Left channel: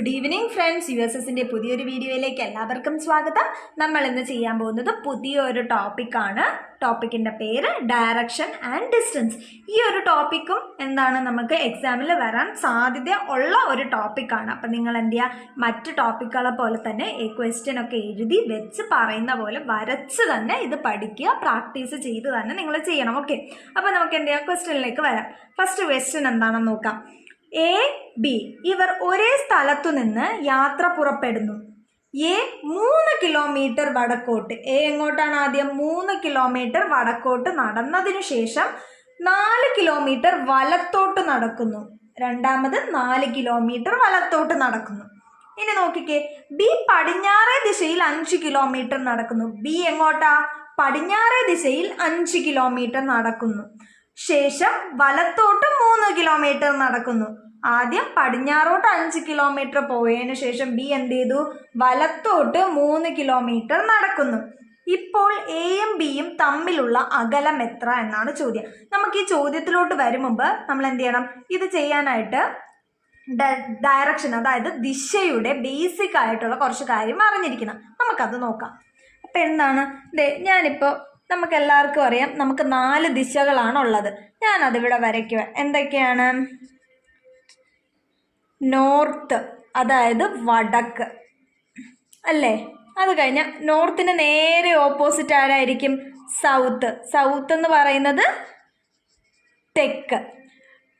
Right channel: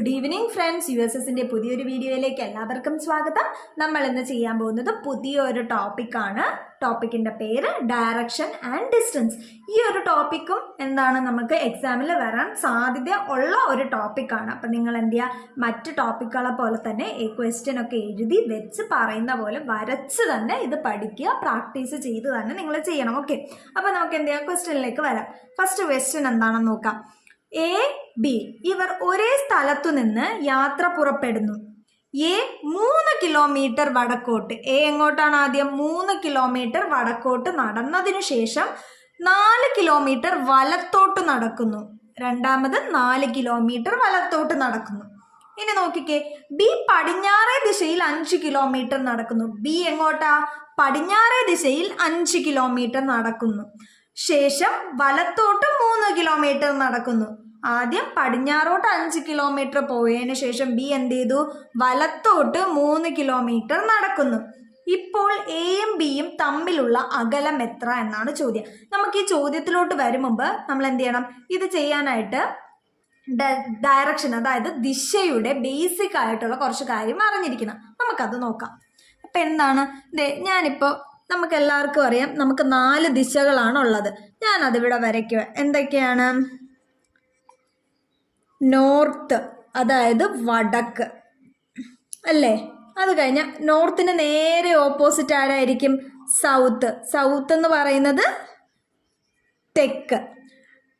Good evening friends, USSന്റെ പുതിയൊരു വീഡിയോയിലേക്ക് എല്ലാവർക്കും സ്വാഗതം. നമ്മൾ ഇന്ന് ചെയ്യാൻ പോകുന്നത് പുതിയൊരു ടോപ്പിക്കാണ്. ടോപ്പിക്കിൻ്റെ പേര് ഡയറക്ഷൻ ആൻഡ് ഡിസ്റ്റൻസ്. ഈ ഒരു ടോപ്പിക്കും എന്താണ്, നമുക്ക് എക്സാമിൽ വരാൻ സാധ്യത ഉള്ള ഒരു ടോപ്പിക്കാണ്. അപ്പം നിങ്ങൾ എന്ത് ചെയ്യുക, മറ്റ് ടോപ്പിക്കുകളെ പോലെ തന്നെ ഈ ക്വസ്റ്റ്യൻ ഒക്കെ എഴുതി വെച്ച് പറയുന്ന പോലെ വരച്ച് തന്നെ ഇത് പഠിക്കുക, പ്രാക്ടീസ് ചെയ്ത് തന്നെ നിങ്ങൾ ചെയ്യണം. ഓക്കെ, അപ്പോൾ നമുക്ക് എന്ത് ചെയ്യാം, ക്വസ്റ്റ്യനിലേക്ക് വരാം. ഫസ്റ്റ് ക്വസ്റ്റ്യൻ എന്താണെന്ന് നോക്കാം. എ ബി ഇവർ ഒരേ സ്ഥലത്തു നിന്ന് യാത്ര പുറപ്പെടുന്നു. എ 3 കിലോമീറ്റർ വടക്കോട്ട്, എ എങ്ങോട്ടാണ് ആദ്യം 3 കിലോമീറ്റർ വടക്കോട്ട് നടന്നതിനു ശേഷം 4 കിലോമീറ്റർ വലത്തോട്ട് നടക്കുന്നു. രണ്ടാമത് 4 കിലോമീറ്റർ വലത്തോട്ട് നടക്കുന്നു. ഇനി നോക്കിക്കേ, ബി പടിഞ്ഞാറേ ദിശയിൽ 5 കിലോമീറ്റർ നടക്കുന്നു. ബി എങ്ങോട്ടാ, പടിഞ്ഞാറേ ദിശയിൽ 5 കിലോമീറ്റർ നടക്കുന്നു. ശേഷം വലത്തോട്ട് 3 കിലോമീറ്റർ നടക്കുന്നു. ആദ്യം പടിഞ്ഞാറോട്ട് 5 കിലോമീറ്റർ പോയതിനു ശേഷം ബി എന്ത് ചെയ്തു, വലത്തോട്ട് 3 കിലോമീറ്റർ നടക്കുന്നു. ഇപ്പോൾ എയും ബിയും തമ്മിലുള്ള അകലം എത്ര എന്നാണ് ചോദ്യം. നമുക്ക് ഈ ചോദ്യത്തിലോട്ട് വരും മുമ്പ് നമ്മൾ എന്ത് ചെയ്യണം, ഇത് ചെയ്യാനായിട്ട് ഡയറക്ഷൻ, അതായത് ദിശയുടെ ബേസിക് ആയിട്ടുള്ള കുറച്ച് കാര്യം അറിഞ്ഞിരിക്കണം. നമുക്കത് നോക്കാം. അപ്പം എന്താണ്, ഞാനിപ്പോൾ നമുക്ക് എല്ലാവർക്കും അറിയാം, നമുക്ക് 4 ദിശകളാണ് ഉള്ളത്. ഞാനതിവിടെ വരയ്ക്കുക. എന്തൊക്കെയാണ്? നോർത്ത്, അതായത് വടക്ക് അല്ലേ. അത് കഴിഞ്ഞാൽ നോർത്തിന് നേരെ ഓപ്പോസിറ്റ് ആരായിരിക്കും? സൗത്ത്. സൗത്ത് എന്ന് പറയുന്നത് തെക്ക്.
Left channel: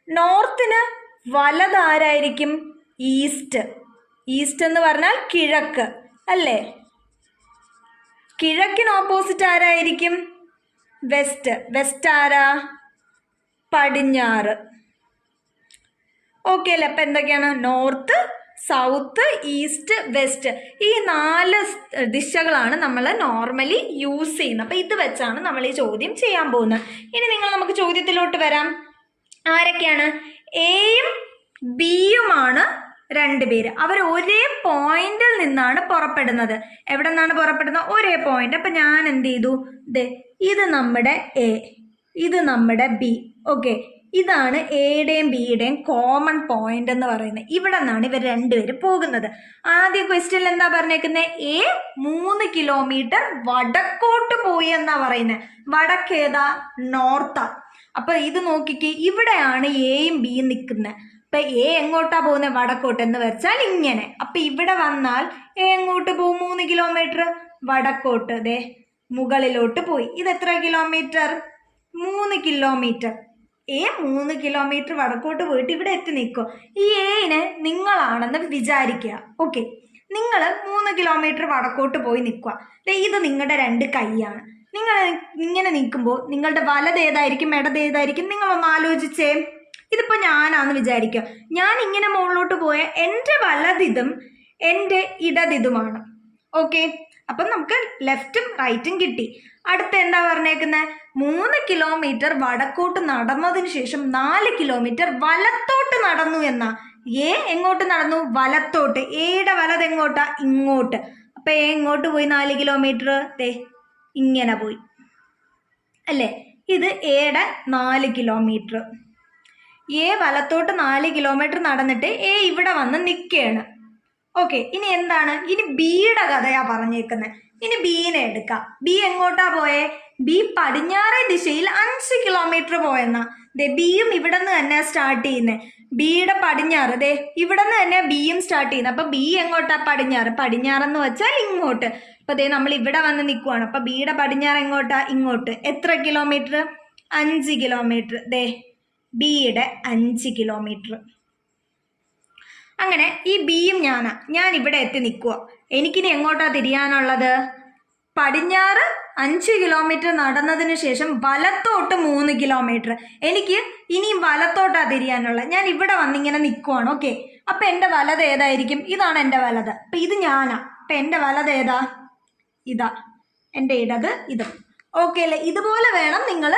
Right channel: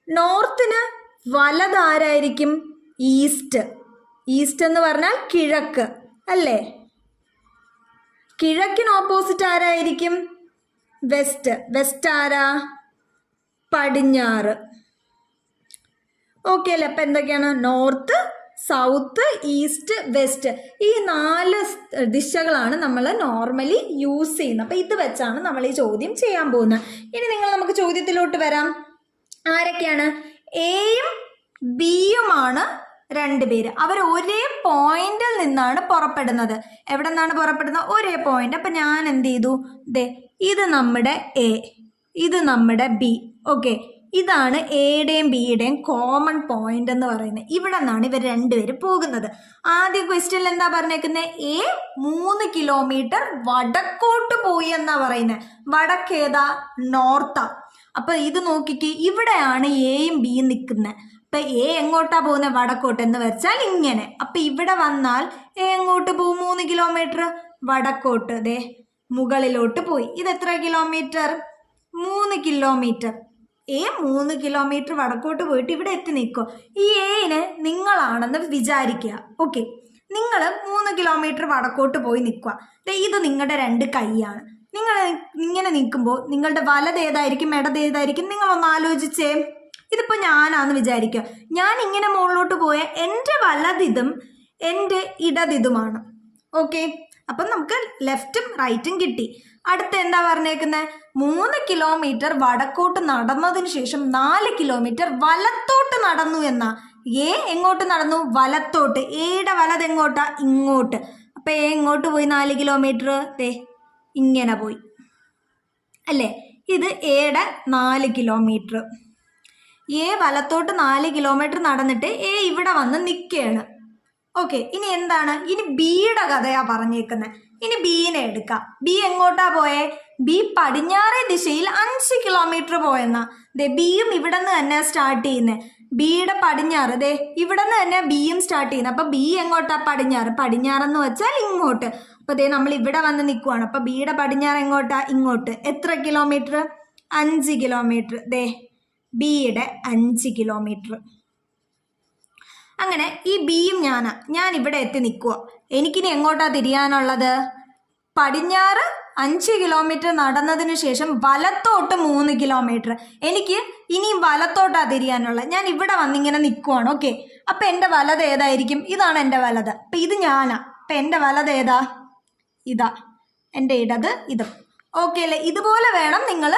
നോർത്തിന് വലതാരായിരിക്കും? ഈസ്റ്റ്. ഈസ്റ്റ് എന്ന് പറഞ്ഞാൽ കിഴക്ക് അല്ലേ. കിഴക്കിന് ഓപ്പോസിറ്റ് ആരായിരിക്കും? വെസ്റ്റ്. വെസ്റ്റ് ആരാ? പടിഞ്ഞാറ്. ഓക്കെ അല്ലേ. അപ്പം എന്തൊക്കെയാണ്? North, south, east, west. ഈ 4 ദിശകളാണ് നമ്മൾ നോർമലി യൂസ് ചെയ്യുന്നത്. അപ്പം ഇത് വെച്ചാണ് നമ്മൾ ഈ ചോദ്യം ചെയ്യാൻ പോകുന്നത്. ഇനി നമുക്ക് ചോദ്യത്തിലോട്ട് വരാം. ആരൊക്കെയാണ്? എയും ബിയുമാണ് 2 പേര്. അവർ ഒരേ പോയിന്റിൽ നിന്നാണ് പുറപ്പെടുന്നത്. എവിടെ നിന്നാണ് പുറപ്പെടുന്നത്? ഒരേ പോയിന്റ്. അപ്പം ഞാൻ എന്ത് ചെയ്തു, ഇത് നമ്മുടെ എ, ഇത് നമ്മുടെ ബി. ഓക്കെ, ഇതാണ് എയുടെയും ബിയുടെയും കോമൺ പോയിന്റ് എന്ന് പറയുന്നത്. ഇവിടെ നിന്നാണ് ഇവർ 2 പേര് പോകുന്നത്. ആദ്യ ക്വസ്റ്റ്യനിൽ എന്താ പറഞ്ഞേക്കുന്നത്? എ 3 കിലോമീറ്റർ വടക്കോട്ട് പോയി എന്നാ പറയുന്നത്. വടക്കേതാ? നോർത്താ. അപ്പൊ ഇത് നോക്കിക്കേ, ഇവിടെയാണ് എയും ബിയും നിൽക്കുന്നത്. അപ്പൊ എ എങ്ങോട്ടാ പോകുന്നത്? വടക്കോട്ട്. എന്ന് വെച്ചാൽ ഇങ്ങനെ. അപ്പൊ ഇവിടെ വന്നാൽ എ എങ്ങോട്ട് പോകും? 3 കിലോമീറ്റർ വടക്കോട്ട്. മുകളിലോട്ട് പോയി. ഇത് എത്ര കിലോമീറ്റർ? 3 കിലോമീറ്റർ. എ 3 കിലോമീറ്റർ വടക്കോട്ട് പോയിട്ട് ഇവിടെ എത്തി നിൽക്കും. ഈ എന് നിങ്ങളാണെന്ന് വിചാരിക്കുക. ഓക്കെ, നിങ്ങൾ 3 കിലോമീറ്റർ വടക്കോട്ട് പോയി നിൽക്കുക. ഇത് നിങ്ങളുടെ 2 കൈയാണ്. നിങ്ങൾ ഇങ്ങനെ നിൽക്കുമ്പോൾ നിങ്ങളുടെ വലത് ഏതായിരിക്കും, ഇടത് ഏതായിരിക്കും? നിങ്ങളൊന്ന് ആലോചിച്ചേ. ഇതിപ്പോൾ ഞാനാന്ന് വിചാരിക്കുക. ഞാൻ ഇങ്ങനെ മുകളിലോട്ട് പോയ എൻ്റെ വലതിതും എൻ്റെ ഇടതിതുമാണ്. ഓക്കെ, അപ്പം നമുക്ക് ലെഫ്റ്റും റൈറ്റും കിട്ടി. അടുത്ത് എന്താ പറഞ്ഞേക്കുന്നത്? 3 കിലോമീറ്റർ വടക്കോട്ട് നടന്നതിന് ശേഷം 4 കിലോമീറ്റർ വലത്തോട്ട് നടന്നു എന്നാ. എ എങ്ങോട്ട് നടന്നു? വലത്തോട്ട്. എയുടെ വലത് എങ്ങോട്ടാ? ഇങ്ങോട്ട്. അപ്പം എ എങ്ങോട്ട് പോയി? 4 കിലോമീറ്റർ ഇങ്ങനെ പോയി അല്ലേ. ഇത് എയുടെ 4 കിലോമീറ്റർ. എ വലത്തോട്ട് 4 കിലോമീറ്റർ നടന്നിട്ട് എ ഇവിടെ വന്ന് നിൽക്കുകയാണ്. ഓക്കെ, ഇനി എന്താണ്? ഇനി ബിയുടെ കഥയാ പറഞ്ഞേക്കുന്നത്. ഇനി ബീനെ എടുക്കാം. ബി എങ്ങോട്ടാ പോയേ? ബി പടിഞ്ഞാറേ ദിശയിൽ 5 കിലോമീറ്റർ പോയെന്നാ. ബിയും ഇവിടെ നിന്ന് തന്നെ സ്റ്റാർട്ട് ചെയ്യുന്നത്. ബിയുടെ പടിഞ്ഞാറ് ഇവിടെ നിന്ന് തന്നെ ബിയും സ്റ്റാർട്ട് ചെയ്യുന്നത്. അപ്പൊ ബി എങ്ങോട്ടാ? പടിഞ്ഞാറ്. പടിഞ്ഞാറെന്ന് വെച്ചാൽ ഇങ്ങോട്ട്. അപ്പൊ നമ്മൾ ഇവിടെ വന്ന് നിൽക്കുവാണ്. അപ്പൊ ബിയുടെ പടിഞ്ഞാറ് എങ്ങോട്ടാ? ഇങ്ങോട്ട്. എത്ര കിലോമീറ്റർ? 5 കിലോമീറ്റർ. ബിയുടെ 5 കിലോമീറ്റർ. അങ്ങനെ ഈ ബിയും ഞാൻ ഇവിടെ എത്തി നിൽക്കുക. എനിക്കിനി എങ്ങോട്ടാ തിരിയാനുള്ളത്? പടിഞ്ഞാറ് 5 കിലോമീറ്റർ നടന്നതിന് ശേഷം വലത്തോട്ട് 3 കിലോമീറ്റർ. എനിക്ക് ഇനിയും വലത്തോട്ടാ തിരിയാനുള്ളത്. ഞാൻ ഇവിടെ വന്നിങ്ങനെ നിൽക്കുവാണ്. ഓക്കെ, അപ്പം എൻ്റെ വലത് ഏതായിരിക്കും? ഇതാണ് എൻ്റെ വലത്. അപ്പം ഇത് ഞാനാ. അപ്പം എൻ്റെ വലത് ഏതാ? ഇതാ. എൻ്റെ ഇടത് ഇത്. ഓക്കെ അല്ലേ. ഇതുപോലെ വേണം നിങ്ങൾ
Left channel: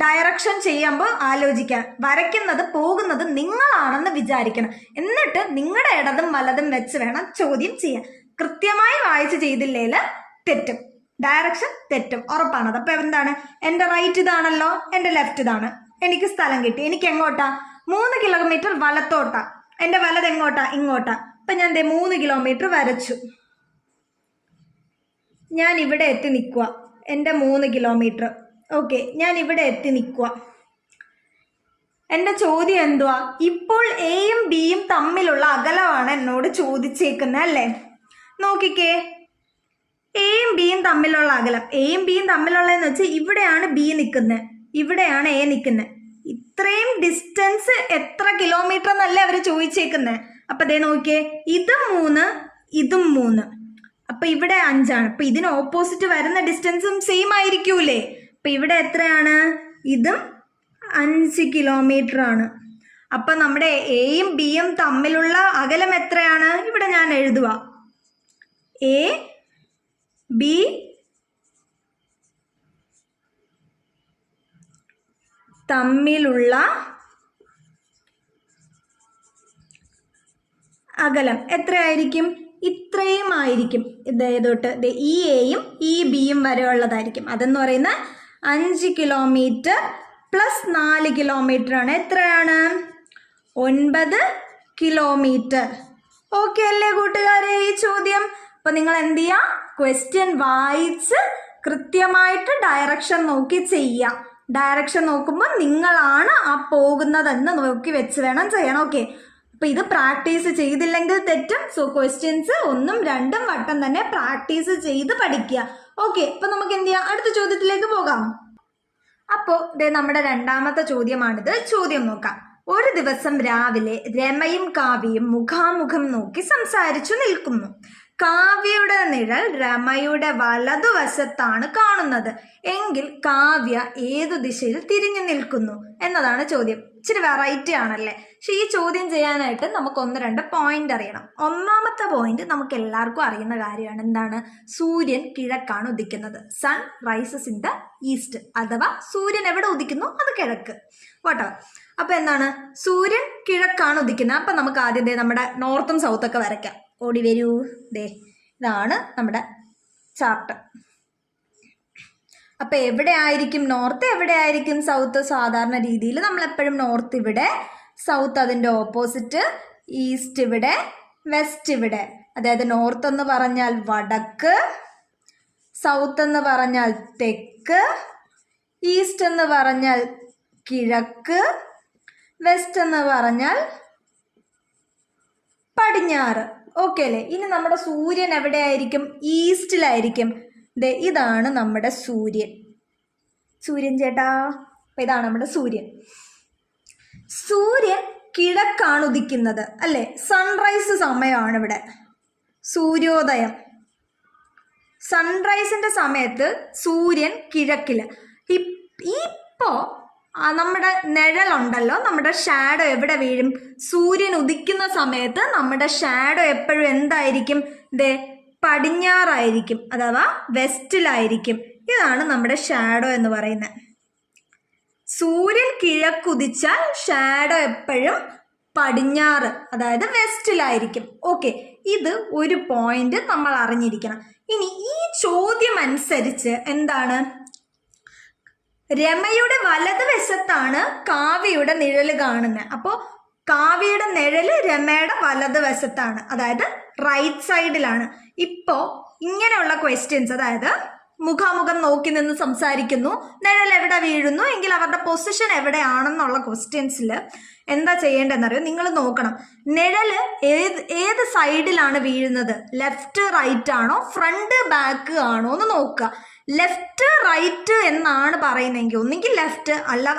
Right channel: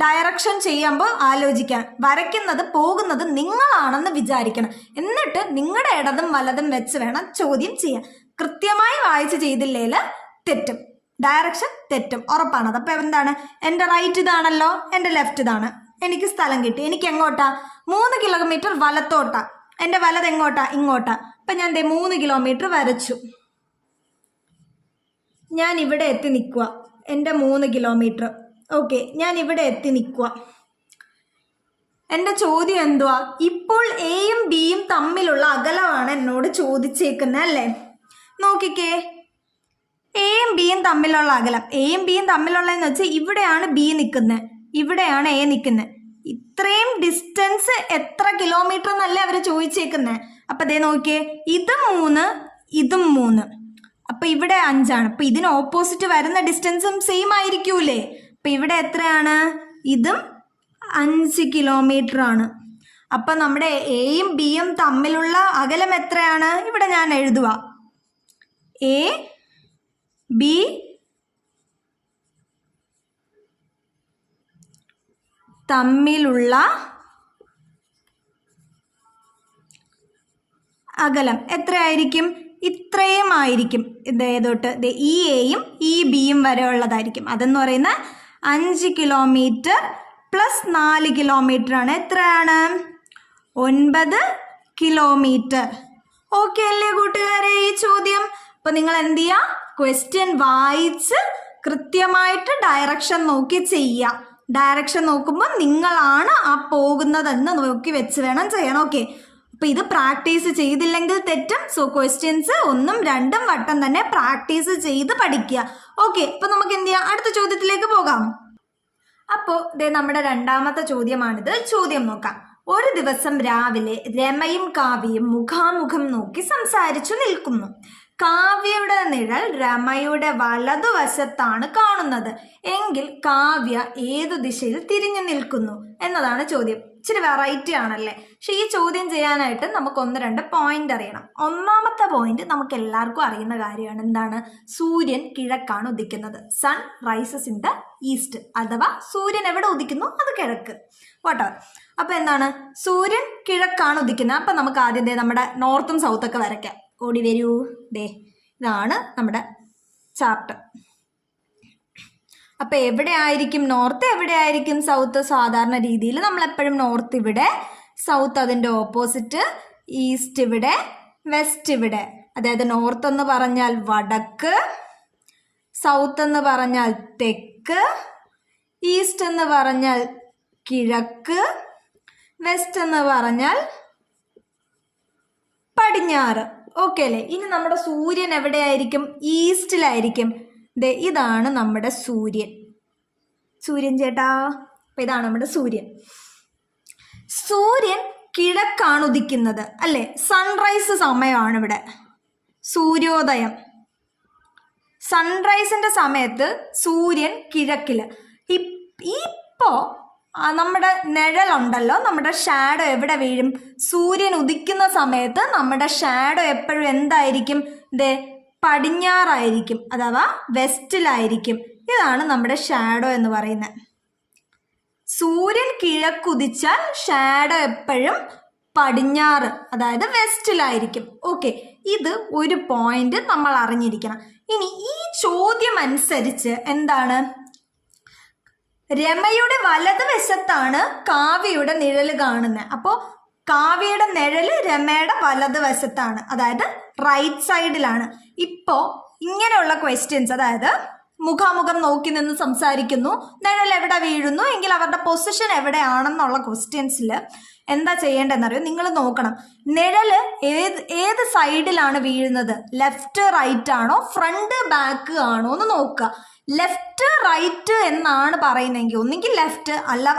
ഡയറക്ഷൻ ചെയ്യുമ്പോൾ ആലോചിക്കാൻ. വരയ്ക്കുന്നത്, പോകുന്നത് നിങ്ങളാണെന്ന് വിചാരിക്കണം. എന്നിട്ട് നിങ്ങളുടെ ഇടതും വലതും വെച്ച് വേണം ചോദ്യം ചെയ്യാൻ. കൃത്യമായി വായിച്ച് ചെയ്തില്ലേൽ തെറ്റും, ഡയറക്ഷൻ തെറ്റും, ഉറപ്പാണത്. അപ്പം എന്താണ്? എൻ്റെ റൈറ്റ് ഇതാണല്ലോ, എൻ്റെ ലെഫ്റ്റ് ഇതാണ്. എനിക്ക് സ്ഥലം കിട്ടി. എനിക്ക് എങ്ങോട്ടാ? 3 കിലോമീറ്റർ വലത്തോട്ടാ. എൻ്റെ വലത് എങ്ങോട്ടാ? ഇങ്ങോട്ടാ. അപ്പം ഞാൻ 3 കിലോമീറ്റർ വരച്ചു. ഞാൻ ഇവിടെ എത്തി നിൽക്കുക. എൻ്റെ 3 കിലോമീറ്റർ. ഓക്കെ, ഞാൻ ഇവിടെ എത്തി നിൽക്കുക. എൻ്റെ ചോദ്യം എന്തുവാ? ഇപ്പോൾ എയും ബിയും തമ്മിലുള്ള അകലമാണ് എന്നോട് ചോദിച്ചേക്കുന്നത് അല്ലേ? നോക്കിക്കേ, എയും ബിയും തമ്മിലുള്ള അകലം. എയും ബിയും തമ്മിലുള്ളതെന്ന് വെച്ചാൽ ഇവിടെയാണ് ബി നിൽക്കുന്നത്, ഇവിടെയാണ് എ നിൽക്കുന്നത്. ഇത്രയും ഡിസ്റ്റൻസ് എത്ര കിലോമീറ്റർ എന്നല്ലേ അവർ ചോദിച്ചേക്കുന്നത്. അപ്പം അതേ നോക്കിയേ, ഇത് 3, ഇതും 3. അപ്പം ഇവിടെ 5 ആണ്. അപ്പം ഇതിന് ഓപ്പോസിറ്റ് വരുന്ന ഡിസ്റ്റൻസും സെയിം ആയിരിക്കൂലേ? അപ്പം ഇവിടെ എത്രയാണ്? ഇതും 5 കിലോമീറ്റർ ആണ്. അപ്പം നമ്മുടെ എയും ബിയും തമ്മിലുള്ള അകലം എത്രയാണ്? ഇവിടെ ഞാൻ എഴുതുക, എ ബി തമ്മിലുള്ള അകലം എത്രയായിരിക്കും? ഇത്രയും ആയിരിക്കും. ഇതേതൊട്ട് ഈ എയും ഈ ബിയും വരെ ഉള്ളതായിരിക്കും. അതെന്ന് പറയുന്ന 5 കിലോമീറ്റർ പ്ലസ് 4 കിലോമീറ്റർ ആണ്. എത്രയാണ്? 9 കിലോമീറ്റർ. ഓക്കെ അല്ലേ കൂട്ടുകാരെ ഈ ചോദ്യം? അപ്പോൾ നിങ്ങൾ എന്ത് ചെയ്യുക? ക്വസ്റ്റ്യൻ വായിച്ച് കൃത്യമായിട്ട് ഡയറക്ഷൻ നോക്കി ചെയ്യുക. ഡയറക്ഷൻ നോക്കുമ്പോൾ നിങ്ങളാണ് ആ പോകുന്നതെന്ന് നോക്കി വെച്ച് വേണം ചെയ്യണം. ഓക്കെ, അപ്പോൾ ഇത് പ്രാക്ടീസ് ചെയ്തില്ലെങ്കിൽ തെറ്റും. സോ ക്വസ്റ്റ്യൻസ് 1ഉം 2ഉം വട്ടം തന്നെ പ്രാക്ടീസ് ചെയ്ത് പഠിക്കുക. ഓക്കെ, അപ്പോൾ നമുക്ക് എന്ത് ചെയ്യാം? അടുത്ത ചോദ്യത്തിലേക്ക് പോകാം. അപ്പോൾ ഇത് നമ്മുടെ രണ്ടാമത്തെ ചോദ്യമാണിത്. ചോദ്യം നോക്കാം. ഒരു ദിവസം രാവിലെ രമയും കാവ്യയും മുഖാമുഖം നോക്കി സംസാരിച്ചു നിൽക്കുന്നു. കാവ്യയുടെ നിഴൽ രമയുടെ വലതുവശത്താണ് കാണുന്നത് എങ്കിൽ കാവ്യ ഏതു ദിശയിൽ തിരിഞ്ഞു നിൽക്കുന്നു എന്നതാണ് ചോദ്യം. ഇച്ചിരി വെറൈറ്റി ആണല്ലേ? പക്ഷെ ഈ ചോദ്യം ചെയ്യാനായിട്ട് നമുക്ക് 1-2 പോയിന്റ് അറിയണം. ഒന്നാമത്തെ പോയിന്റ് നമുക്ക് എല്ലാവർക്കും അറിയുന്ന കാര്യമാണ്. എന്താണ്? സൂര്യൻ കിഴക്കാണ് ഉദിക്കുന്നത്. Sun rises in the east, അഥവാ സൂര്യൻ എവിടെ ഉദിക്കുന്നു അത് കിഴക്ക്. പോട്ടെ. അപ്പൊ എന്താണ്? സൂര്യൻ കിഴക്കാണ് ഉദിക്കുന്നത്. അപ്പൊ നമുക്ക് ആദ്യം നമ്മുടെ നോർത്തും സൗത്തൊക്കെ വരയ്ക്കാം. ഓടി വരൂ. ഇതാണ് നമ്മുടെ ചാർട്ട്. അപ്പൊ എവിടെ ആയിരിക്കും നോർത്ത്, എവിടെ ആയിരിക്കും സൗത്ത്? സാധാരണ രീതിയിൽ നമ്മൾ എപ്പോഴും നോർത്ത് ഇവിടെ, സൗത്ത് അതിൻ്റെ ഓപ്പോസിറ്റ്, ഈസ്റ്റ് ഇവിടെ, വെസ്റ്റ് ഇവിടെ. അതായത് നോർത്ത് എന്ന് പറഞ്ഞാൽ വടക്ക്, സൗത്ത് എന്ന് പറഞ്ഞാൽ തെക്ക്, ഈസ്റ്റ് എന്ന് പറഞ്ഞാൽ കിഴക്ക്, വെസ്റ്റ് എന്ന് പറഞ്ഞാൽ പടിഞ്ഞാറ്. ഓക്കെ അല്ലേ? ഇനി നമ്മുടെ സൂര്യൻ എവിടെയായിരിക്കും? ഈസ്റ്റിലായിരിക്കും. ഇതാണ് നമ്മുടെ സൂര്യൻ. സൂര്യൻ ചേട്ടാ, അപ്പൊ ഇതാണ് നമ്മുടെ സൂര്യൻ. സൂര്യൻ കിഴക്കാണ് ഉദിക്കുന്നത് അല്ലേ? സൺറൈസ് സമയമാണ് ഇവിടെ, സൂര്യോദയം. സൺറൈസിന്റെ സമയത്ത് സൂര്യൻ കിഴക്കില്. ഇപ്പോ നമ്മുടെ നിഴലുണ്ടല്ലോ, നമ്മുടെ ഷാഡോ എവിടെ വീഴും? സൂര്യൻ ഉദിക്കുന്ന സമയത്ത് നമ്മുടെ ഷാഡോ എപ്പോഴും എന്തായിരിക്കും? പടിഞ്ഞാറായിരിക്കും, അഥവാ വെസ്റ്റിലായിരിക്കും. ഇതാണ് നമ്മുടെ ഷാഡോ എന്ന് പറയുന്നത്. സൂര്യൻ കിഴക്കുദിച്ചാൽ ഷാഡോ എപ്പോഴും പടിഞ്ഞാറ്, അതായത് വെസ്റ്റിലായിരിക്കും. ഓക്കെ, ഇത് ഒരു പോയിന്റ് നമ്മൾ അറിഞ്ഞിരിക്കണം. ഇനി ഈ ചോദ്യം അനുസരിച്ച് എന്താണ്? രമയുടെ വലതുവശത്താണ് കാവ്യയുടെ നിഴല് കാണുന്നത്. അപ്പോൾ കാവ്യയുടെ നിഴല് രമയുടെ വലതുവശത്താണ്, അതായത് റൈറ്റ് സൈഡിലാണ്. ഇപ്പോൾ ഇങ്ങനെയുള്ള ക്വസ്റ്റ്യൻസ്, അതായത് മുഖാമുഖം നോക്കി നിന്ന് സംസാരിക്കുന്നു, നിഴൽ എവിടെ വീഴുന്നു എങ്കിൽ അവരുടെ പൊസിഷൻ എവിടെയാണെന്നുള്ള ക്വസ്റ്റ്യൻസിൽ എന്താ ചെയ്യേണ്ടതെന്നറിയോ? നിങ്ങൾ നോക്കണം, നിഴല് ഏത് സൈഡിലാണ് വീഴുന്നത്? ലെഫ്റ്റ് റൈറ്റ് ആണോ, ഫ്രണ്ട് ബാക്ക് ആണോ എന്ന് നോക്കുക. ലെഫ്റ്റ് റൈറ്റ് എന്നാണ് പറയുന്നതെങ്കിൽ ഒന്നെങ്കിൽ ലെഫ്റ്റ്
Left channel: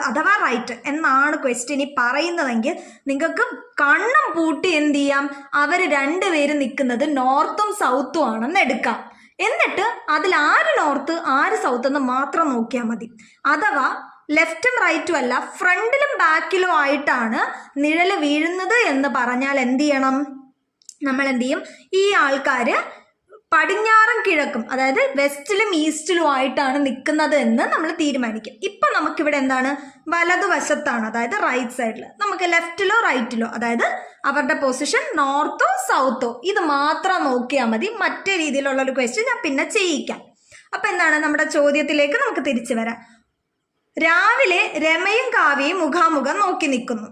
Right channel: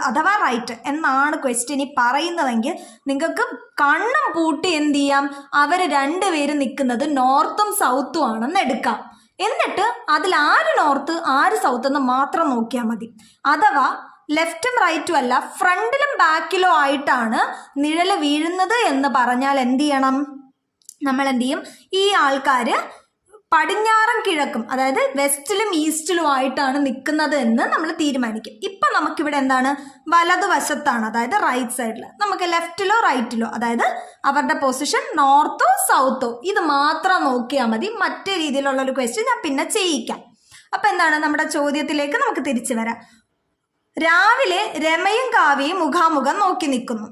അഥവാ റൈറ്റ് എന്നാണ് ക്വസ്റ്റ്യൻ പറയുന്നതെങ്കിൽ നിങ്ങൾക്ക് കണ്ണും പൂട്ടി എന്ത് ചെയ്യാം? അവർ രണ്ടുപേരും നിൽക്കുന്നത് നോർത്തും സൗത്തും ആണെന്ന് എടുക്കാം. എന്നിട്ട് അതിൽ ആര് നോർത്ത് ആര് സൗത്ത് എന്ന് മാത്രം നോക്കിയാൽ മതി. അഥവാ ലെഫ്റ്റും റൈറ്റും അല്ല, ഫ്രണ്ടിലും ബാക്കിലും ആയിട്ടാണ് നിഴല് വീഴുന്നത് എന്ന് പറഞ്ഞാൽ എന്ത് ചെയ്യണം? നമ്മൾ എന്ത് ചെയ്യും? ഈ ആൾക്കാർ പടിഞ്ഞാറും കിഴക്കും, അതായത് വെസ്റ്റിലും ഈസ്റ്റിലും ആയിട്ടാണ് നിൽക്കുന്നത് എന്ന് നമ്മൾ തീരുമാനിക്കും. ഇപ്പം നമുക്കിവിടെ എന്താണ്? വലതുവശത്താണ്, അതായത് റൈറ്റ് സൈഡിൽ. നമുക്ക് ലെഫ്റ്റിലോ റൈറ്റിലോ, അതായത് അവരുടെ പൊസിഷൻ നോർത്തോ സൗത്തോ, ഇത് മാത്രം നോക്കിയാൽ മതി. മറ്റേ രീതിയിലുള്ള ഒരു ക്വസ്റ്റ്യൻ ഞാൻ പിന്നെ ചെയ്യിക്കാം. അപ്പം എന്താണ്? നമ്മുടെ ചോദ്യത്തിലേക്ക് നമുക്ക് തിരിച്ചു വരാം. രാവിലെ രമയും കാവ്യയും മുഖാമുഖം നോക്കി നിൽക്കുന്നു.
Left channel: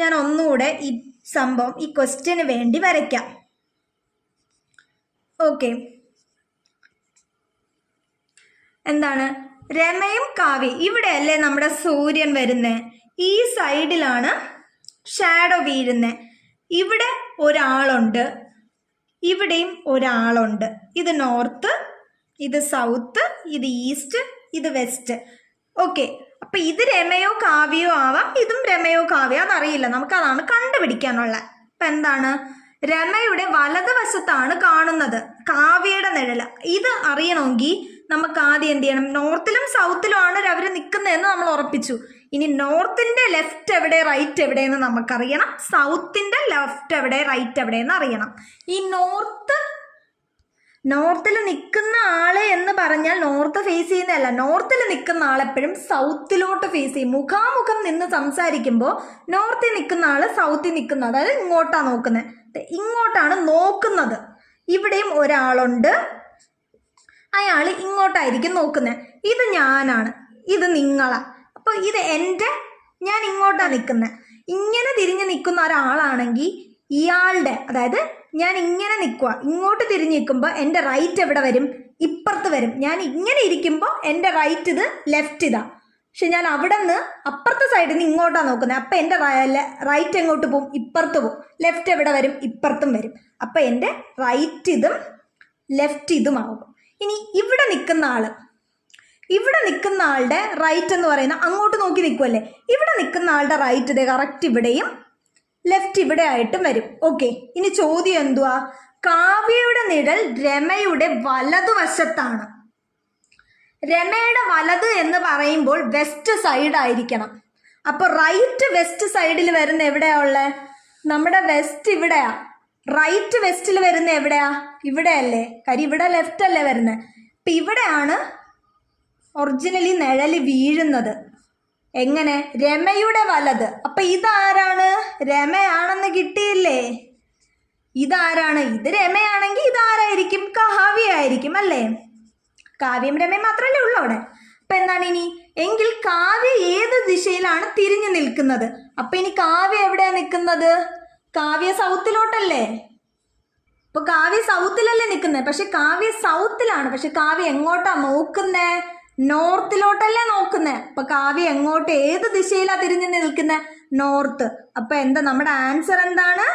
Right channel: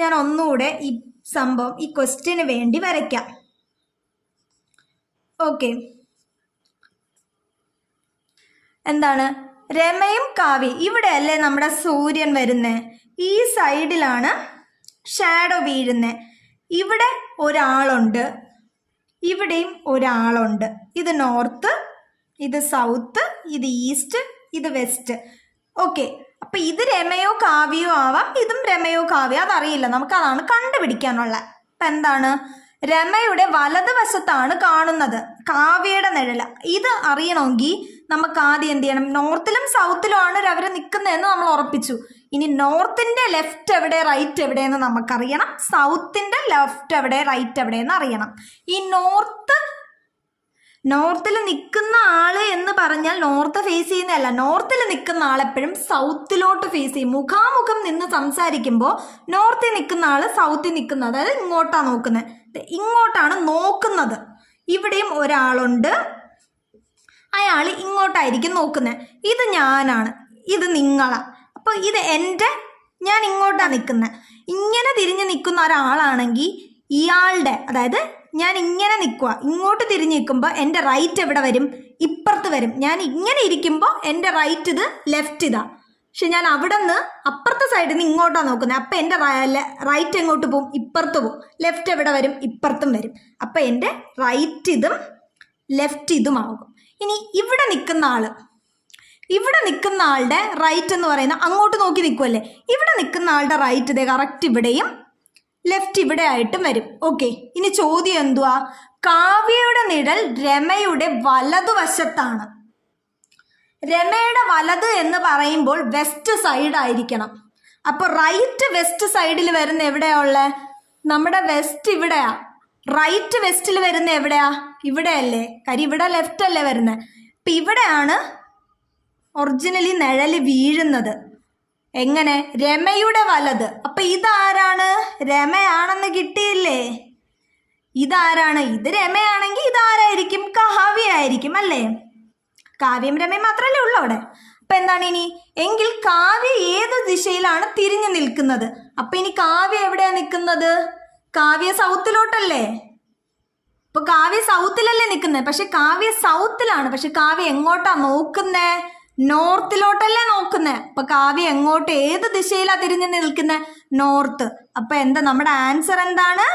ഞാൻ ഒന്നുകൂടെ ഈ സംഭവം ഈ ക്വസ്റ്റ്യന് വേണ്ടി വരയ്ക്കാം. ഓക്കെ, എന്താണ് രമയും കാവ്യയും ഇവിടെ അല്ലേ നമ്മുടെ സൂര്യൻ വരുന്നത്, ഈ സൈഡിലാണ് ഷാഡോ വീഴുന്നത്. ഇവിടെ ഒരാളുണ്ട്, ഇവിടെയും ഒരാളുണ്ട്. ഇത് നോർത്ത്, ഇത് സൗത്ത്, ഇത് ഈസ്റ്റ്, ഇത് വെസ്റ്റ്. ഓക്കെ, അപ്പൊ ഇത് രമയോ കാവ്യയോ ആവാം, ഇതും രമയോ കാവ്യോ, അതറിയില്ല, നമുക്ക് അതാണ് കണ്ടുപിടിക്കാനുള്ള. അപ്പൊ എന്താണ്, രമയുടെ വലതുവശത്താണ് കാണുന്നത് കാവ്യയുടെ നിഴല്. ഇത് അറിയണമെങ്കിൽ നമുക്ക് ആദ്യം എന്ത് ചെയ്യണം, നോർത്തിലും സൗത്തിലും ആണ് അവർ നിൽക്കുന്നതെന്ന് നമ്മൾ ഉറപ്പിച്ചു. ഇനി നോർത്തിന്റെ ലെഫ്റ്റ് എവിടെ റൈറ്റ് എവിടെയെന്ന് നമുക്കറിയണം, സൗത്തിന്റെ ലെഫ്റ്റ് എവിടെ റൈറ്റ് എവിടെയെന്ന് അറിയണം. ഈ നോർത്തിൽ നിൽക്കുന്ന ആള് എന്ന് പറഞ്ഞാൽ നോർത്ത് ഫേസ് ചെയ്യുന്നതല്ല, നോർത്തിൽ നിൽക്കുന്ന ആളെപ്പോഴും സൗത്തിലോട്ട് ഫേസ് ചെയ്യും. മുഖാമുഖം നിന്ന് സംസാരിക്കുമ്പോൾ നോർത്തിൽ നിൽക്കുന്ന ആള് സൗത്തിൽ നിൽക്കുന്നത്, അതായത് ഇങ്ങോട്ടാണ് നോക്കുന്നത്, ഇങ്ങോട്ടാണ് നോക്കുന്നത്. ഇവിടെയും ഒരാളുണ്ട്, അയാൾ ഇങ്ങോട്ടായിരിക്കും നോക്കുന്നത്. ഇത് ഞാനാണ്, ഇത് നിങ്ങളാണ്. അപ്പോൾ ഇത് ഞാൻ ഇങ്ങോട്ടാണ് നിൽക്കുന്നത്. ഇങ്ങനെ തിരിഞ്ഞ് നിൽക്കുന്ന ഒരാളാണെങ്കിൽ ഇയാളുടെ, അതായത് ഞാൻ ഇങ്ങനെ നിൽക്കുക, ഇങ്ങോട്ട് തിരിഞ്ഞ് നിൽക്കുമ്പോൾ എൻ്റെ റൈറ്റ് എവിടെ വരും, ഇപ്പുറത്ത് വരും. ഞാൻ ഇങ്ങനെ ഇരിക്കുമ്പോൾ എൻ്റെ റൈറ്റ് ഇത്, ലെഫ്റ്റ് ഇതാ. പക്ഷെ ഞാൻ അവിടെ നിന്ന് അപ്പുറത്തെ സൈഡിൽ നിന്ന് ഇങ്ങോട്ടാണ് നോക്കുന്നത്. അപ്പം എൻ്റെ റൈറ്റ് എങ്ങോട്ട് പോകും, ഇപ്പുറത്ത് പോകും. ലെഫ്റ്റ് എവിടെ വരും, ഇപ്പുറത്തും വരും. അപ്പം എൻ്റെ റൈറ്റ് ഇതും ലെഫ്റ്റ് ഇതുമാകും. ഇനി ഇവിടെ നിൽക്കുന്ന ആളുടെ റൈറ്റ് എന്ന് പറയുന്നത് അങ്ങോട്ട് നോക്കി നിൽക്കുമല്ലേ, ഇവിടെ നിൽക്കുന്ന ആളുടെ റൈറ്റ് ഇതേ കറക്റ്റ് ഇവിടെയും ലെഫ്റ്റ് ഇവിടെ ആയിട്ടും വരും. ഓക്കെ, ഇനി ചോദ്യം എന്തുവാ, കാവ്യയുടെ നിഴൽ രമയുടെ വലതുവശത്താണ്. രമയുടെ വലത് എന്ന് പറയുമ്പോൾ വെസ്റ്റ് സൈഡ് ആയിരിക്കണം. അപ്പോൾ റൈറ്റ് വെസ്റ്റ് സൈഡിൽ വരുന്ന എവിടെയാ ഉള്ളത്, നമ്മുടെ വെസ്റ്റ് ഇവിടെയാ. റൈറ്റ് വെസ്റ്റിൽ വരുന്ന എവിടെയാ, ഇവിടെ അല്ലേ, കാര്യം ഇവിടെ ലെഫ്റ്റ് അല്ലേ വരുന്നത്. അപ്പം ഇവിടെയാണ് ഒറിജിനലി നിഴല് വീഴുന്നത്. എങ്ങനെ, രമയുടെ വലത്. അപ്പം ഇതാരാണ്, രമയാണെന്ന് കിട്ടിയില്ലേ. ഇതാരാണ്, ഇത് രമയാണെങ്കിൽ ഇതാരായിരിക്കും, കാവ്യ ആയിരിക്കും അല്ലേ. കാവ്യം രമയും മാത്രമല്ലേ ഉള്ളൂ അവിടെ. അപ്പം എന്താണ് ഇനി, എങ്കിൽ കാവ്യ ഏത് ദിശയിലാണ് തിരിഞ്ഞു നിൽക്കുന്നത്. അപ്പം ഇനി കാവ്യ എവിടെയാണ് നിൽക്കുന്നത്, കാവ്യ സൗത്തിലോട്ടല്ലേ. ഇപ്പൊ കാവ്യ സൗത്തിലല്ലേ നിൽക്കുന്നത്, പക്ഷെ കാവ്യ സൗത്തിലാണ്. പക്ഷെ കാവ്യ എങ്ങോട്ടാ നോക്കുന്നേ, നോർത്തിലോട്ടല്ലേ നോക്കുന്നേ. അപ്പൊ കാവ്യ എങ്ങോട്ട്, ഏത് ദിശയിലാ തിരിഞ്ഞു നിൽക്കുന്നത്, നോർത്ത്. അപ്പൊ എന്താ നമ്മുടെ ആൻസർ, എന്താണ്,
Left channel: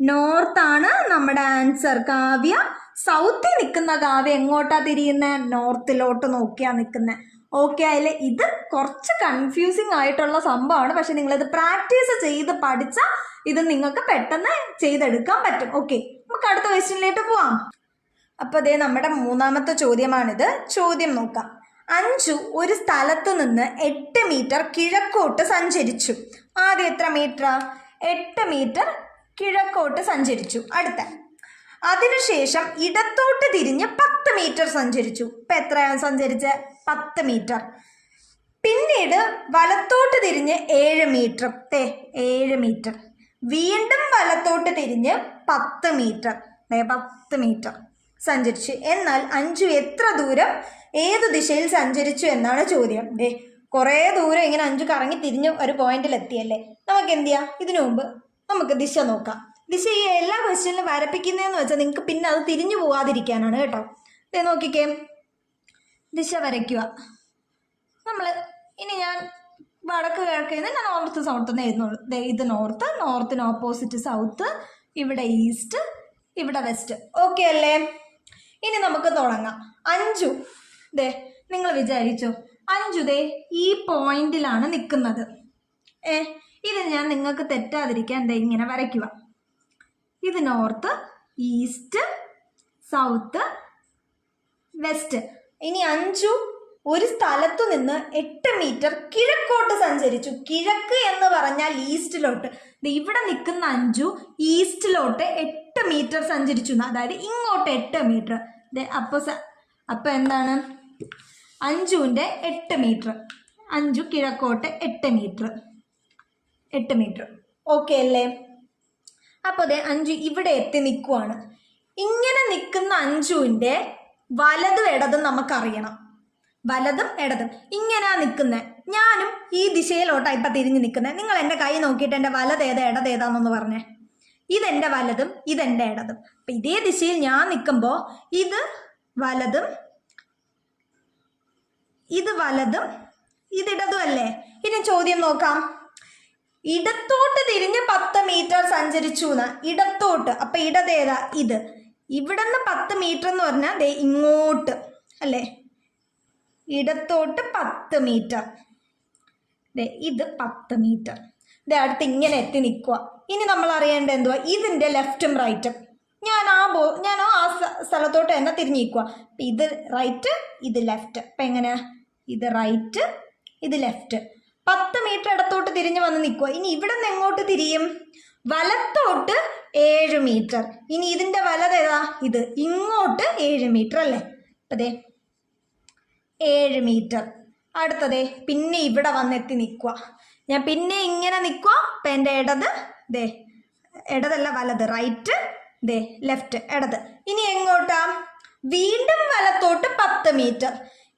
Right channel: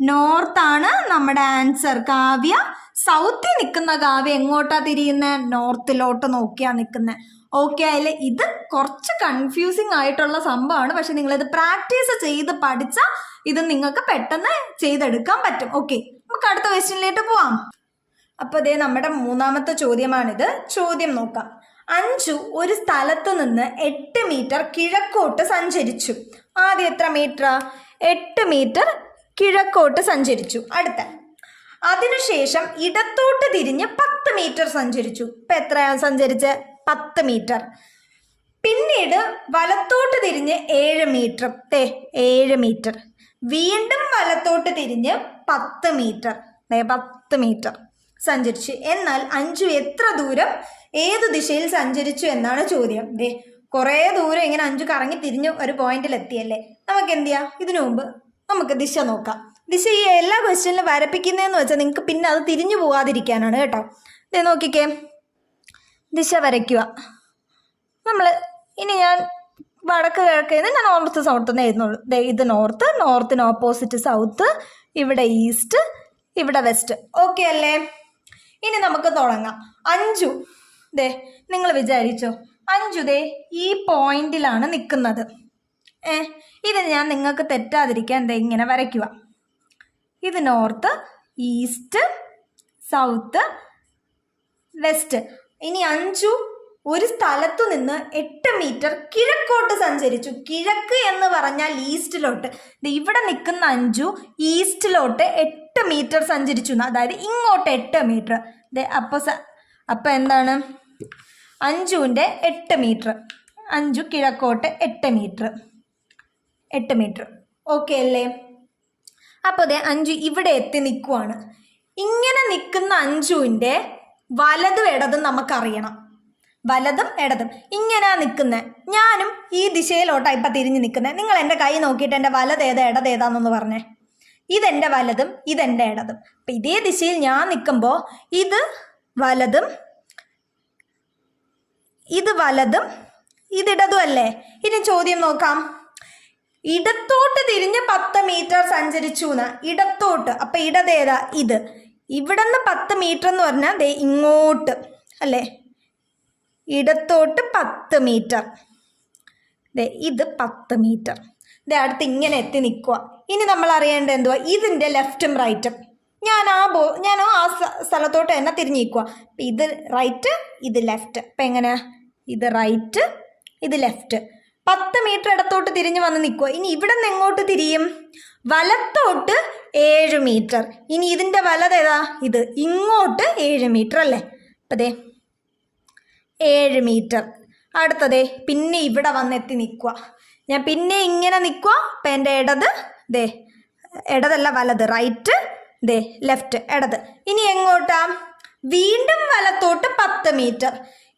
നോർത്താണ് നമ്മുടെ ആൻസർ. കാവ്യ സൗത്തിൽ നിൽക്കുന്ന കാവ്യ എങ്ങോട്ടാ തിരിയുന്നത്, നോർത്തിലോട്ട് നോക്കിയാ നിൽക്കുന്നത്. ഓക്കെ ആയില്ലേ. ഇത് കുറച്ച് കൺഫ്യൂസിങ് ആയിട്ടുള്ള സംഭവമാണ്, പക്ഷെ നിങ്ങളിത് പ്രാക്ടീസ് ചെയ്ത് പഠിച്ചാൽ ഇത് നിങ്ങൾക്ക് പെട്ടെന്ന് ചെയ്തെടുക്കാൻ പറ്റും. ഓക്കെ, നമുക്ക് അടുത്ത ക്വസ്റ്റ്യനിലേക്ക് പോവാം. അപ്പോൾ ഇതേ നമ്മുടെ മൂന്നാമത്തെ ചോദ്യമാണിത്. ചോദ്യം നോക്കാം. അഞ്ജു ഒരു സ്ഥലത്ത് നിന്ന് 8 മീറ്റർ കിഴക്കോട്ട് സഞ്ചരിച്ചു. ആദ്യം എത്ര മീറ്റർ, 8 മീറ്റർ കിഴക്കോട്ട് സഞ്ചരിച്ചു. അടുത്ത, അതിനുശേഷം ഇടത്തോട്ട് തിരിഞ്ഞ് 10 മീറ്റർ സഞ്ചരിച്ചു. ഇപ്പം എത്രയാണ് സഞ്ചരിച്ചത്, 10 മീറ്റർ. പിന്നീട് വലത്തോട്ട് തിരിഞ്ഞ് 7 മീറ്റർ, 7 മീറ്റർ. വീണ്ടും വലത്തോട്ട് തിരിഞ്ഞ് 10 മീറ്റർ, 10 മീറ്റർ സഞ്ചരിച്ചു. എന്നാൽ അഞ്ജു എത്ര ദൂരം ഏത് ദിശയിൽ സഞ്ചരിച്ചു എന്നാണ് ചോദ്യം. കുറേ ദൂരം ഇങ്ങനെ അഞ്ജു കറങ്ങി തിരിഞ്ഞ് ഒരു പോയിന്റിൽ എത്തിയല്ലേ. നമുക്ക് എന്ത് ചെയ്യാം, ഇതിനു മുമ്പ് നമുക്ക് ദിശ നോക്കാം. ദിശ ഈ എല്ലാ ക്വസ്റ്റ്യനിലും വരപ്പിക്കുന്നതെന്ന് വെച്ചാൽ നിങ്ങൾക്ക് പിന്നെ അത് തിരിഞ്ഞു പോകാതിരിക്കാനാണ് കേട്ടോ. ഇത് നോക്കിക്കേ, ദിശ വരയ്ക്കുക. നമ്മൾ ഇനി ഞാൻ വടക്ക് കിഴക്കേന്ന് ഞാൻ നോർത്ത് സൗത്ത് എഴുതുന്നുള്ളൂ. ഇത് നോർത്ത്, നോർത്തിന് ഓപ്പോസിറ്റ് സൗത്ത്, ഇവിടെ ഈസ്റ്റ്, ഇവിടെ വെസ്റ്റ്. ഓക്കെ അല്ലേ. ഇനി നമുക്ക് തുടങ്ങാം. അഞ്ജു നിങ്ങൾ വിചാരിച്ചോ, അഞ്ജു ഈ പോയിന്റിലാണ് നിൽക്കുന്നത്. ഇത് ഞാൻ നിങ്ങൾക്ക് തെറ്റാതിരിക്കാൻ ഇങ്ങനെ വരയ്ക്കുക. ഇത് നോർത്ത്, ഈസ്റ്റ്, സൗത്ത്, വെസ്റ്റ്. ഇനി അഞ്ജു ഒരു സ്ഥലത്തു നിന്ന് 8 മീറ്റർ കിഴക്കോട്ട് സഞ്ചരിച്ചു. കിഴക്ക് എന്ന് പറഞ്ഞാൽ ഈസ്റ്റിലോട്ട്. ഇവിടെ നിൽക്കുന്ന അഞ്ജു ഈസ്റ്റിലോട്ട് 8 മീറ്റർ സഞ്ചരിച്ചു, അതായത് ഇങ്ങോട്ട് 8 മീറ്റർ. അപ്പോൾ എന്താണ്, അഞ്ജുവിൻ്റെ 8 മീറ്റർ, അഞ്ജു കിഴക്കോട്ട് 8 മീറ്റർ, 8 മീറ്റർ. ഓക്കെ അല്ലേ. അപ്പോൾ അഞ്ജു ഇവിടെ എത്തി നിൽക്കുവാണ്. ഇങ്ങനെ നിൽക്കുന്ന അഞ്ജുവിൻ്റെ വലതും ഇടതും നമുക്കറിയണം. വലതും ഇടതും ഇങ്ങനെ നിൽക്കുന്നത്. ഞാനും ഈ ദിശയിലോട്ടാണ് ഇപ്പം തിരിഞ്ഞ് നിൽക്കുന്നത്. നിങ്ങൾ എൻ്റെ കൈ നോക്കിയിട്ട് എൻ്റെ വലതേതാ ഇടതേതാന്നൊന്ന് പറഞ്ഞേ. ഇതെൻ്റെ വലതും ഇതെൻ്റെ ഇടതും. അപ്പം ഇതേ ദിശയിൽ ഞാൻ നിൽക്കുമ്പോൾ ഇത് വലതും ഇത് വലതും ഇതിടതും അല്ലേ. ഇനി ചോദ്യം നോക്കാം. ഇടത്തോട്ട് തിരിഞ്ഞ് 10 മീറ്റർ സഞ്ചരിച്ചു എന്ന്. ഇടത്തോട്ട്, അപ്പം ഇടതേതാ? ഇത്. ഇവിടെ നിന്ന് 10 മീറ്റർ എന്ന് പറഞ്ഞാൽ ദേ ഇങ്ങോട്ട് അല്ലേ. ഇടത്തോട്ട് 10 മീറ്റർ. ദേ ഇത് 10 മീറ്റർ. ദേ അടുത്ത് ഇങ്ങനെ എത്തി നിൽക്കുക. ഇനി നമ്മൾ അറിയേണ്ടത് എന്തുവാ? ഇതിൻ്റെ ലെഫ്റ്റും റൈറ്റും. ഞാൻ ആ സ്ഥലത്തോട്ട് തന്നെ തിരിഞ്ഞ് നിൽക്കുക. അപ്പം ഇത് റൈറ്റ്, ഇത് ലെഫ്റ്റ്. അപ്പം എങ്ങനെയാ? ഇത് റൈറ്റ്, ഇത് ലെഫ്റ്റ്. 10 മീറ്റർ ഇടത്തോട്ട് തിരിഞ്ഞ് വന്ന് നിൽക്കുക. ഇനി ഇവിടെ നിന്ന് എങ്ങോട്ട് തിരിയും? വലത്തോട്ട് 7 മീറ്റർ. ഇനി ഇതിൻ്റെ വലതേതാ? ഇത്. ഇങ്ങോട്ട് 7 മീറ്റർ അല്ലേ. അപ്പം ദേ 7 മീറ്റർ. അടുത്തതേ പിന്നെ ഇവിടെ വന്നെത്തി നിൽക്കുക. ഞാൻ പിന്നെ ഇങ്ങനെ നിൽക്കുക. അപ്പം എൻ്റെ ഇടത് ദേ, ഇടതല്ല വലത്, റൈറ്റ്, ദേ ലെഫ്റ്റ്, ഇടത്. ഇനി എങ്ങോട്ടാ? വീണ്ടും വലത്തോട്ട് 10 മീറ്റർ.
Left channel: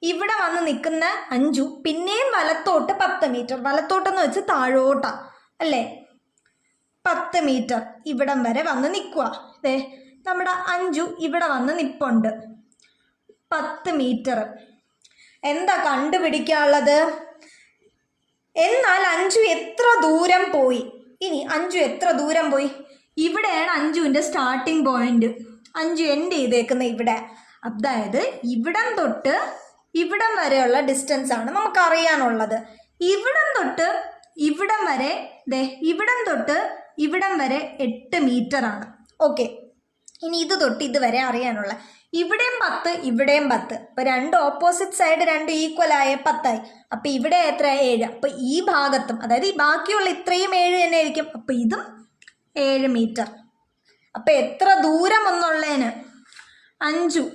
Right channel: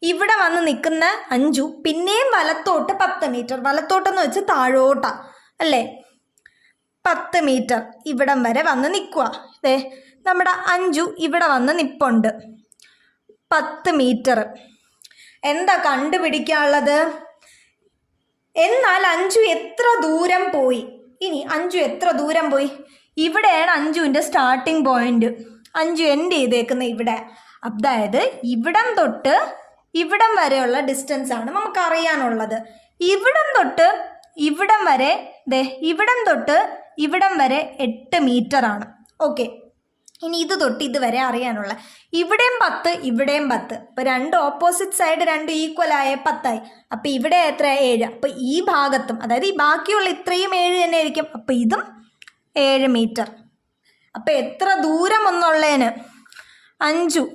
ഇവിടെ വന്ന് നിൽക്കുന്ന അഞ്ചു പിന്നെയും വലത്തോട്ട് 10 മീറ്റർ. വലത്തോട്ടെന്ന് വെച്ച് താഴോട്ടാ അല്ലേ. 10 മീറ്റർ ഇവിടം വരെ വന്ന് നിൽക്കുക. ദേ നമ്മുടെ അഞ്ചു ഇവിടെ വന്ന് നിൽപ്പുണ്ട്. 10 മീറ്റർ. എന്താ കണ്ടുപിടിക്കാനുള്ളത്? എന്നാൽ അഞ്ചു എത്ര ദൂരം പോയി? ഇനി അഞ്ചു എത്ര ദൂരം പോയി? ഇവിടെയാണ് അഞ്ചുവിൻ്റെ സ്റ്റാർട്ടിങ് പോയിന്റ്. അഞ്ചു എൻഡ് ചെയ്തേക്കുന്ന ഇവിടെ. അതായത് ഇവിടം തൊട്ട് ഇവിടം വരെയുള്ള ഡിസ്റ്റൻസ് ആണ് നമുക്കറിയാനുള്ളത്. ഇവിടം തൊട്ട് ഇവിടം വരെ ദേ ഇവിടം തൊട്ട് ഇവിടം വരെ 8 മീറ്റർ ആണ്. ഓക്കെ. ഇനി ഇത് തൊട്ട് ഇതുവരെ അറിയാനുള്ള ഇവിടെയും 10 ഇവിടെയും 10. അപ്പോൾ രണ്ട് ഓപ്പോസിറ്റ് സൈഡ് രണ്ട് ഈക്വൽ ആയ 10 ആയി. അപ്പോൾ ഇവിടെ എത്ര? 7. അപ്പോൾ ഈ ഭാഗത്തും അതായത് ഈ ബാക്കിയുള്ള ഇത്രയും 7 തന്നെ ആയിരിക്കും. അപ്പോൾ ഇതും 7 മീറ്റർ. അപ്പോൾ എത്ര ദൂരം എന്നുള്ളതിന് അഞ്ചു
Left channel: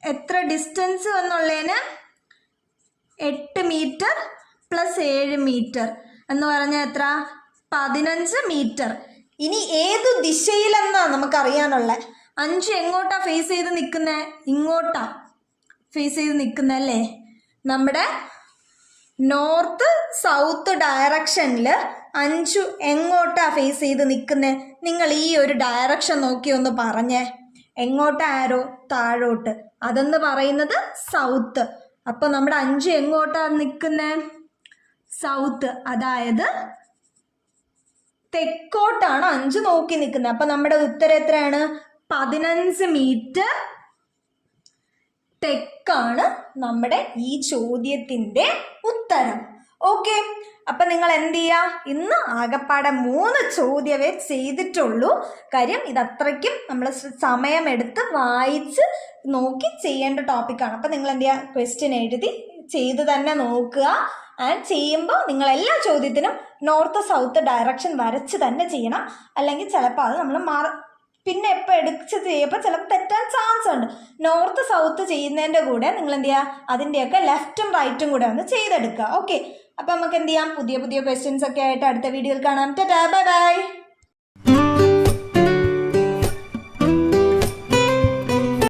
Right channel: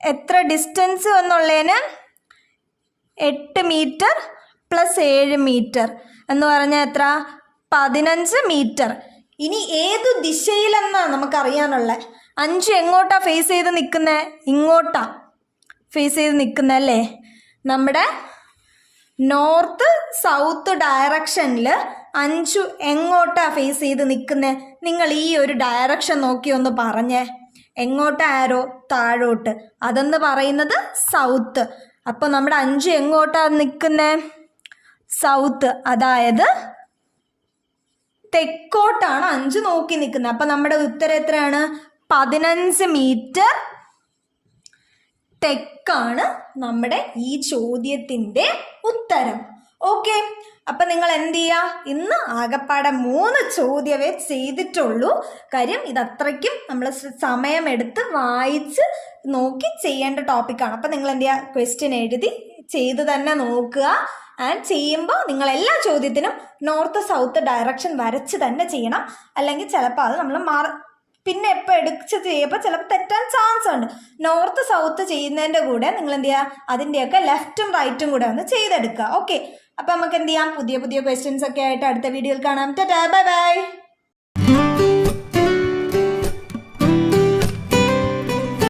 എത്ര ഡിസ്റ്റൻസ് എന്നുള്ളതിന് 8 മീറ്റർ പ്ലസ് 7 മീറ്റർ എന്ന് പറഞ്ഞാൽ എത്ര? 15 മീറ്റർ. ഇനി ഏതു ദിശയിലെന്നാണ് നമുക്കറിയാനുള്ള. അഞ്ചു എങ്ങോട്ടാ ഫേസ് ചെയ്ത് നിൽക്കുന്നത്? ഇങ്ങോട്ടാ ഫേസ് ചെയ്ത് നിൽക്കുന്നത് അല്ലേ. നമ്മുടെ നോർത്ത് സൗത്ത് ഡയറക്ഷനിൽ അഞ്ചു എങ്ങോട്ടാ ഫേസ് ചെയ്ത് നിൽക്കുന്നത്? നിങ്ങൾ ഈ ഒരു ഡയറക്ഷൻ നോക്കി ഒന്ന് പറഞ്ഞേ. എങ്ങോട്ടാ ആരോ? താഴോട്ട്. അതെന്ന് പറയുന്നത് സൗത്ത്. അപ്പോൾ നമ്മുടെ അഞ്ചു എങ്ങോട്ടാ നിൽക്കുന്നത്? സൗത്ത്. അതായത് തെക്കോട്ടാണ് അഞ്ചു നോക്കി നിൽക്കുന്നത്. അപ്പം നമ്മുടെ ഉത്തരം എത്രയാണ്? 15 മീറ്റർ തെക്കാണ് നമ്മുടെ ഈ ചോദ്യത്തിൻ്റെ ഉത്തരം. ഓക്കെ. അപ്പം നിങ്ങൾ എന്ത് ചെയ്യുക? ഇന്ന് ആകപ്പാടെ 3 ചോദ്യമേ ചെയ്തിട്ടുള്ളൂ. കാര്യം ഇതത്രയ്ക്കും നമ്മൾ സമയമെടുത്ത് വായിച്ച് നോക്കി ചെയ്യേണ്ട ടോപ്പിക്കാണ്. അപ്പം നിങ്ങൾ എന്ത് ചെയ്യുക? ക്വസ്റ്റ്യൻ എഴുതി ചെയ്ത് തന്നെ നോക്കുക. ആൻഡ് ചെയ്യുമ്പോൾ നിങ്ങൾ എല്ലാ ചോദ്യത്തിനും നോർത്ത് സൗത്ത് ഡയറക്ഷൻ വരച്ച് തന്നെ ചെയ്യണം. അല്ലെങ്കിൽ ചിലപ്പോൾ അത് നമ്മൾ പിന്നെ എപ്പോൾ എടുത്ത് ചെയ്യുമ്പോൾ ചിലപ്പോൾ തെറ്റാൻ ചാൻസ് ഉണ്ട്. നോർത്ത് സൗത്ത് ചെയ്യുന്നതിൻ്റെ കൂടെ നിങ്ങൾ എന്ത് ചെയ്യുക? അതിൻ്റെയൊക്കെ ലെഫ്റ്റും റൈറ്റും കൂടെ ഒന്ന് ചെയ്തെടുക്കുക. ഓക്കെ. അപ്പം നമുക്ക് എന്ത് ചെയ്യാം? പുതിയ പുതിയ ക്വസ്റ്റ്യൻസ് ഒക്കെ ആയിട്ട് അടുത്ത വീഡിയോയിൽ കാണാം. Tata, bye bye.